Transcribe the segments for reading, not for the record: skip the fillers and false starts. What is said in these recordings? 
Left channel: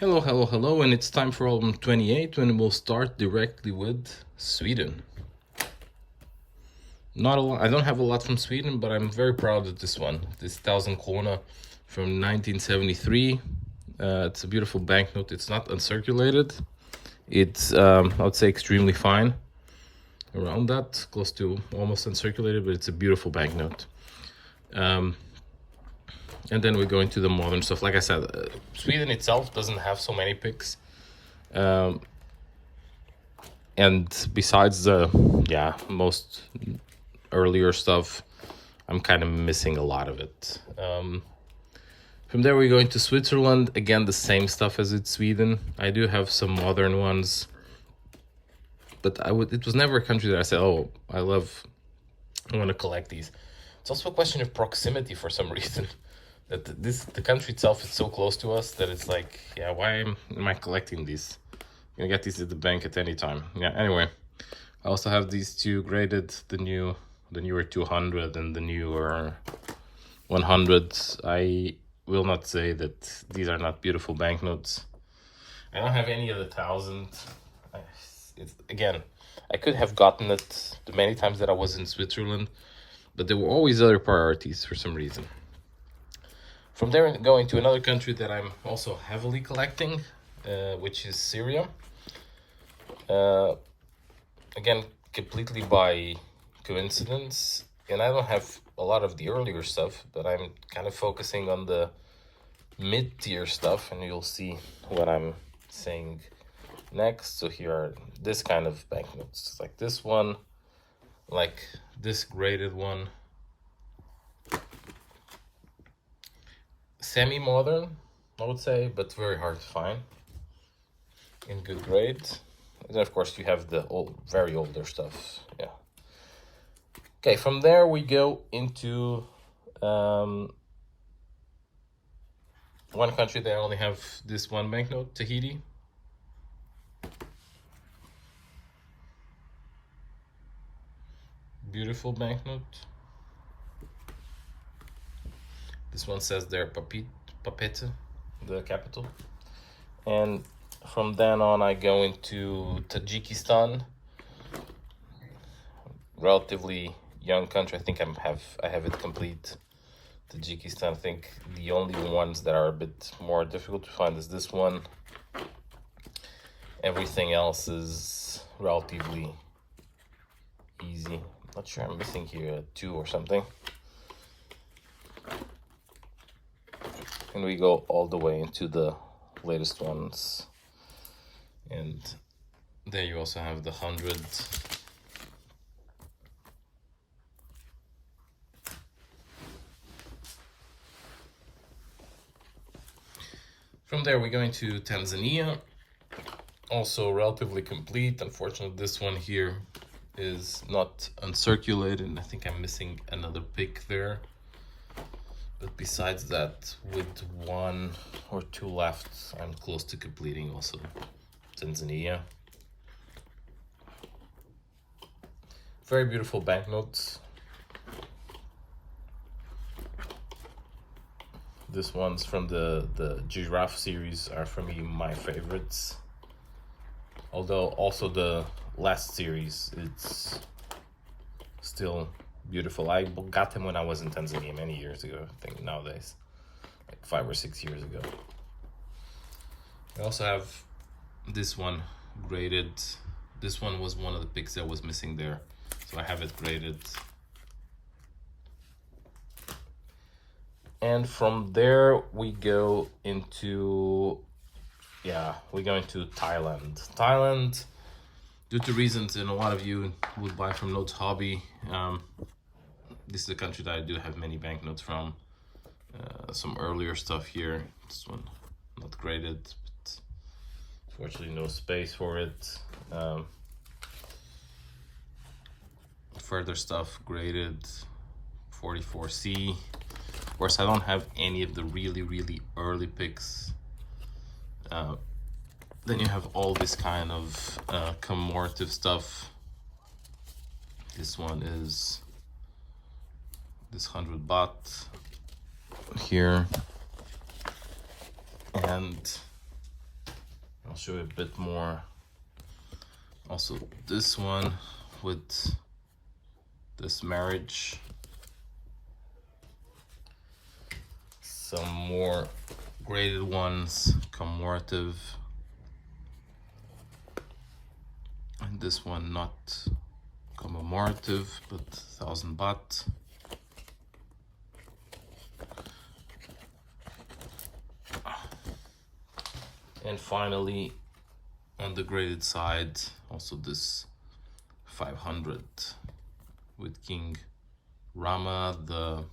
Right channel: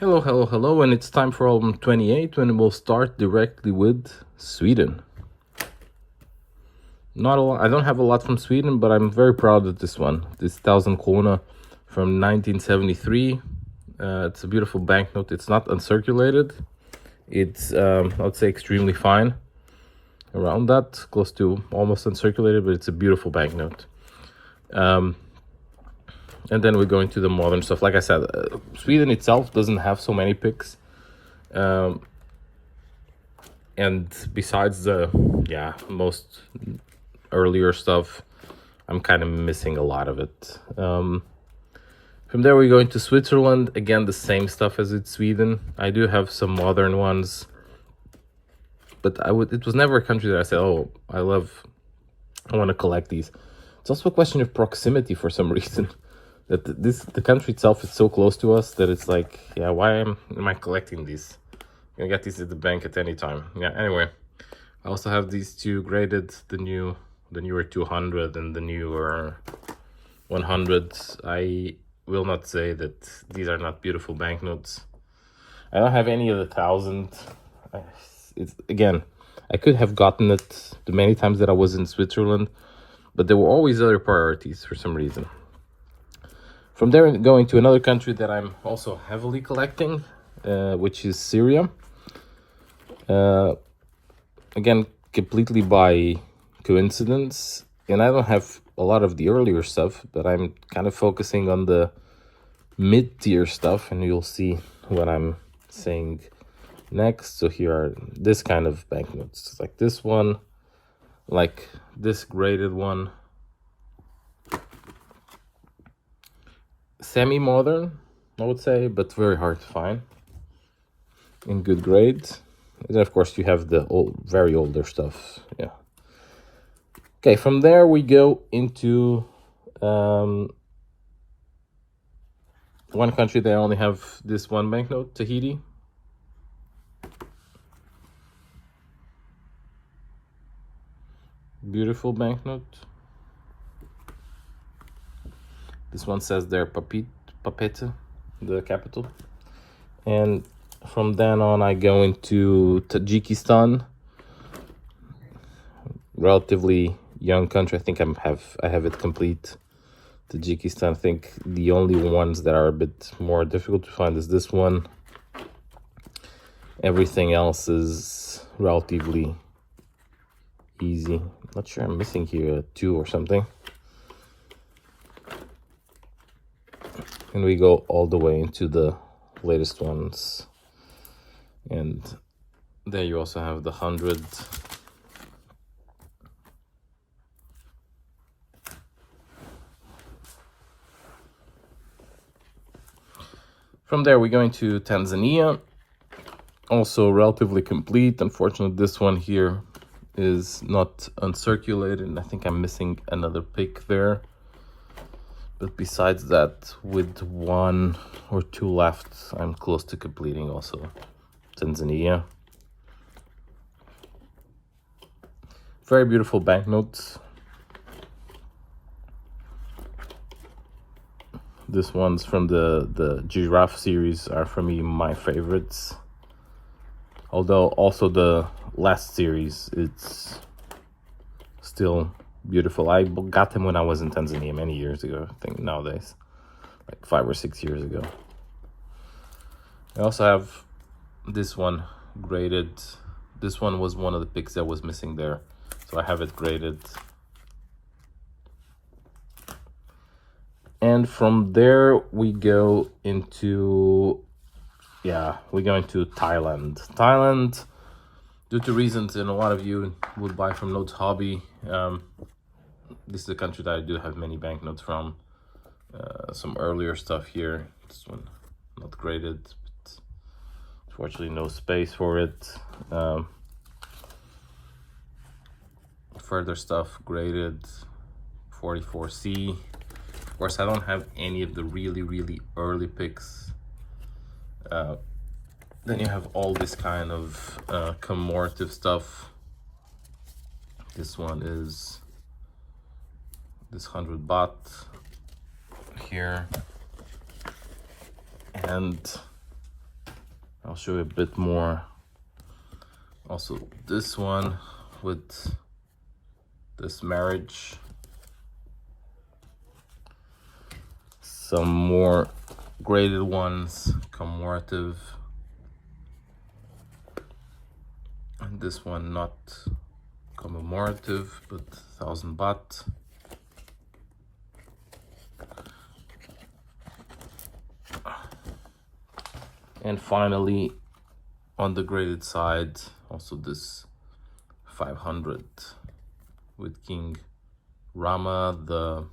Hello, hello, hello, and it's time for album 28 when we'll start directly with Sweden. Not a lot, I don't have a lot from Sweden, but I'm very proud of this one. This 1000 krona from 1973. It's a beautiful banknote. It's not uncirculated. It's, I would say, extremely fine. Around that, close to almost uncirculated, but it's a beautiful banknote. And then we're going to the modern stuff. Like I said, Sweden itself doesn't have so many picks. And besides the, most earlier stuff, I'm kind of missing a lot of it. From there, we're going to Switzerland. Again, the same stuff as it's Sweden. I do have some modern ones, but it was never a country that I said, oh, I want to collect these. It's also a question of proximity for some reason. That the country itself is so close to us that it's like, yeah, why am I collecting these? I'm gonna get these at the bank at any time. Yeah, anyway, I also have these two graded, the newer 200 and the newer 100. I will not say that these are not beautiful banknotes. I don't have any of the 1000. Again, I could have gotten it the many times that I was in Switzerland, but there were always other priorities for some reason. From there, going to another country that I'm also heavily collecting, which is Syria. Again, completely by coincidence, and I don't have a lot of the earlier stuff, but I'm kind of focusing on the mid-tier stuff, and you'll see what I'm saying next. So here are this kind of banknotes, like this one, like this graded one, semi-modern, I would say, but very hard to find in good grade. And then of course you have the very older stuff. Yeah. Okay, from there we go into one country that I only have this one banknote, Tahiti. Beautiful banknote. This one says there Papete, the capital. And from then on I go into Tajikistan. Relatively young country. I think I have it complete. Tajikistan, I think the only ones that are a bit more difficult to find is this one. Everything else is relatively easy. Not sure, I'm missing here a 2 or something. And we go all the way into the latest ones. And there you also have the 100. From there we're going to Tanzania. Also relatively complete. Unfortunately, this one here is not uncirculated, and I think I'm missing another pick there. But besides that, with 1 or 2 left, I'm close to completing also Tanzania. Very beautiful banknotes. This one's from the giraffe series are for me my favorites. Although also the last series, it's still beautiful. I got them when I was in Tanzania many years ago, I think nowadays, like 5 or 6 years ago. I also have this one graded. This one was one of the picks that was missing there, so I have it graded. And from there we go into Thailand. Thailand, due to reasons, and a lot of you would buy from Notes Hobby. This is a country that I do have many banknotes from. Some earlier stuff here. This one not graded, but unfortunately no space for it. Further stuff graded, 44C. Of course, I don't have any of the really early picks. Then you have all this kind of commemorative stuff. This one is this 100 baht here, and I'll show you a bit more. Also this one with this marriage. Some more graded ones, commemorative. And this one not commemorative, but 1000 baht. And finally, on the graded side, also this 500 with King Rama the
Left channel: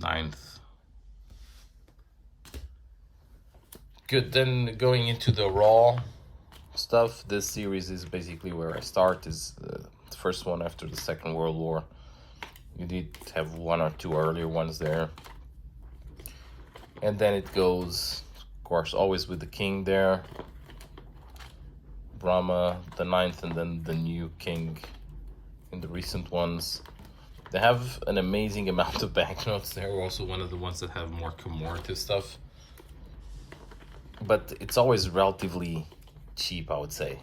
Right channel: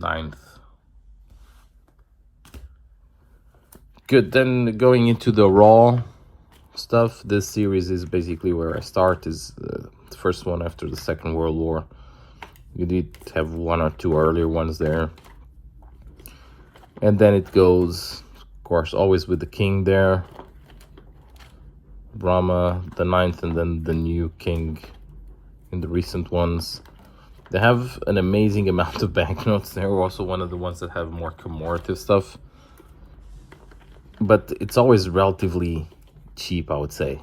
9th. Good, then going into the raw stuff, this series is basically where I start, is the first one after the Second World War. You did have one or two earlier ones there. And then it goes, of course, always with the king there. Rama the 9th, and then the new king in the recent ones. They have an amazing amount of banknotes. They're also one of the ones that have more commemorative stuff. But it's always relatively cheap, I would say.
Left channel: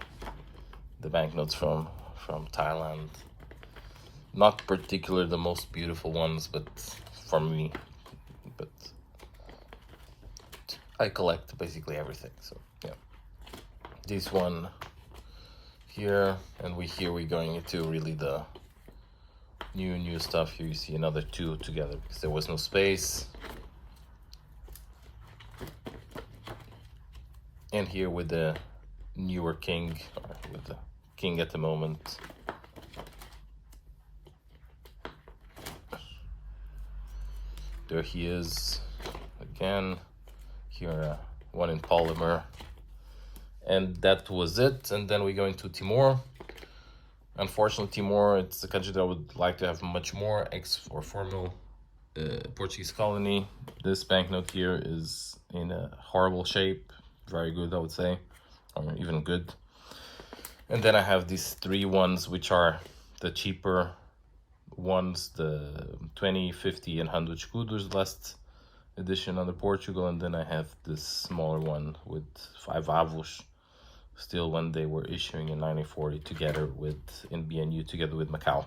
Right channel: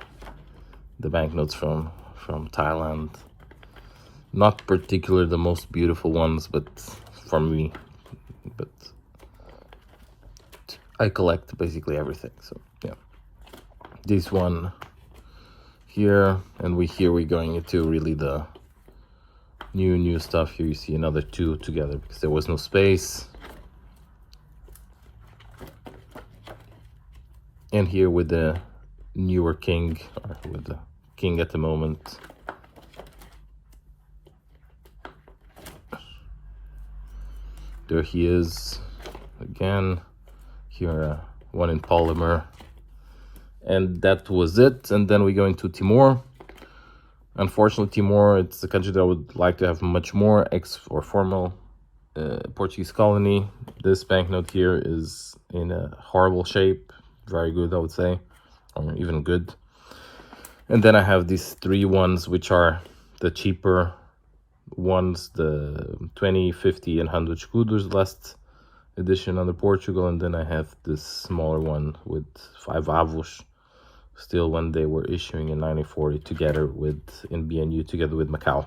The banknotes from Thailand. Not particularly the most beautiful ones, but for me. But I collect basically everything, so yeah. This one here, and we're going into really the new stuff. Here you see another two together because there was no space. And here with the newer king, or with the king at the moment. There he is again. Here one in polymer. And that was it. And then we go into Timor. Unfortunately, Timor, it's a country that I would like to have much more formal Portuguese colony. This banknote here is in a horrible shape. Very good, I would say, or even good. And then I have these three ones, which are the cheaper ones, the 20, 50, and 100 escudos, last edition under Portugal. And then I have this smaller one with 5 avos, still when they were issuing in 1940 together with, in BNU, together with Macau.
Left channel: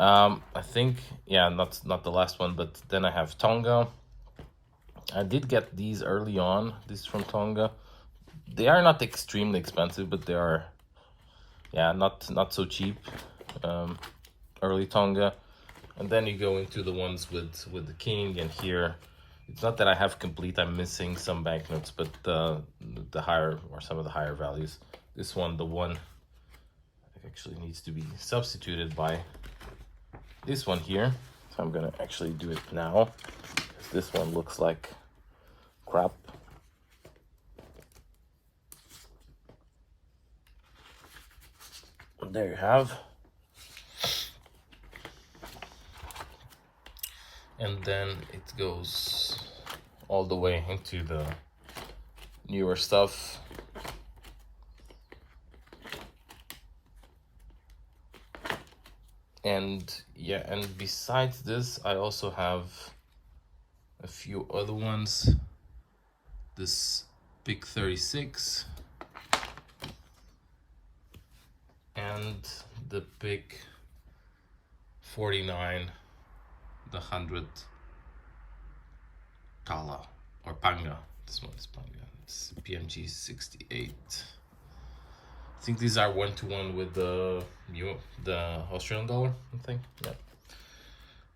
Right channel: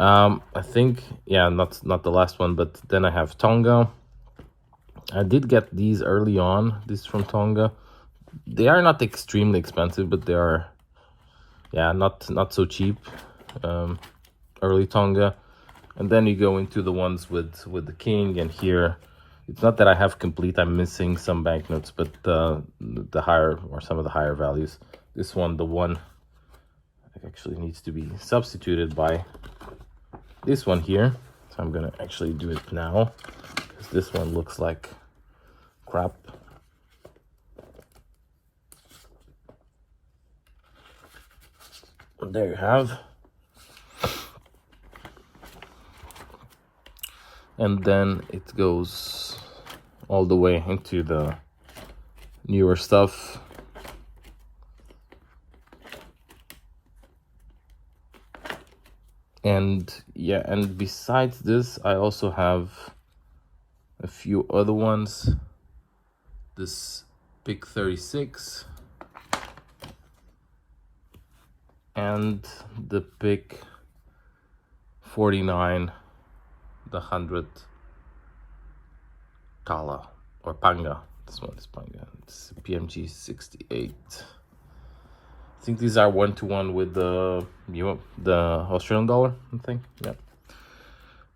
I think, yeah, not the last one, but then I have Tonga. I did get these early on, this from Tonga. They are not extremely expensive, but they are, yeah, not so cheap. Early Tonga. And then you go into the ones with the king, and here it's not that I have complete, I'm missing some banknotes, but the higher, or some of the higher values. This one, the one actually needs to be substituted by this one here. So I'm gonna actually do it now. This one looks like crap. There you have. And then it goes all the way into the newer stuff. And yeah, and besides this, I also have a few other ones. This Pick 36 and the Pick 49, the 100 Tala or Panga. This one is Panga. It's PMG 68. I think these are 1-to-1 with the Australian dollar, I think. Yeah.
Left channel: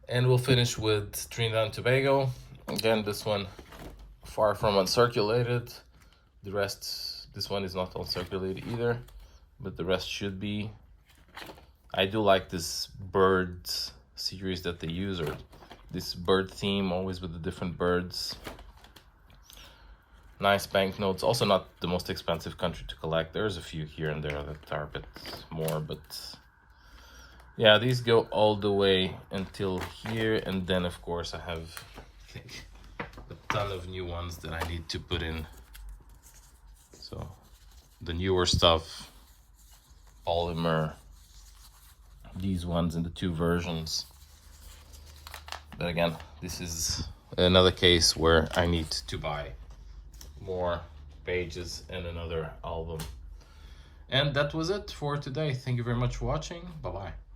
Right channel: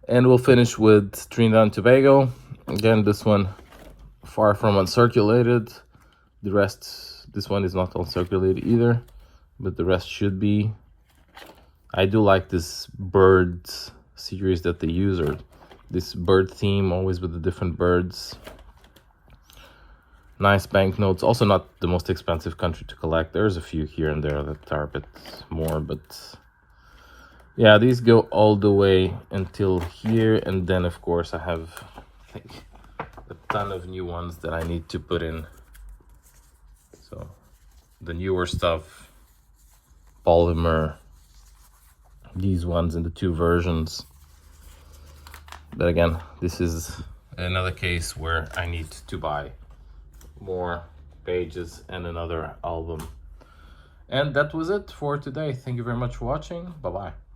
And we'll finish with Trinidad and Tobago. Again, this one far from uncirculated. The rest, this one is not uncirculated either, but the rest should be. I do like this bird series that they use, or this bird theme, always with the different birds. Nice banknotes. Also not the most expensive country to collect. There's a few here and there that are a bit more, but yeah, these go all the way until here. And then of course I have a ton of new ones that I need to put in. So the newer stuff, polymer, these ones in the 2 versions. But again, this is another case where I need to buy more pages and another album. And that was it for today. Thank you very much for watching. Bye bye.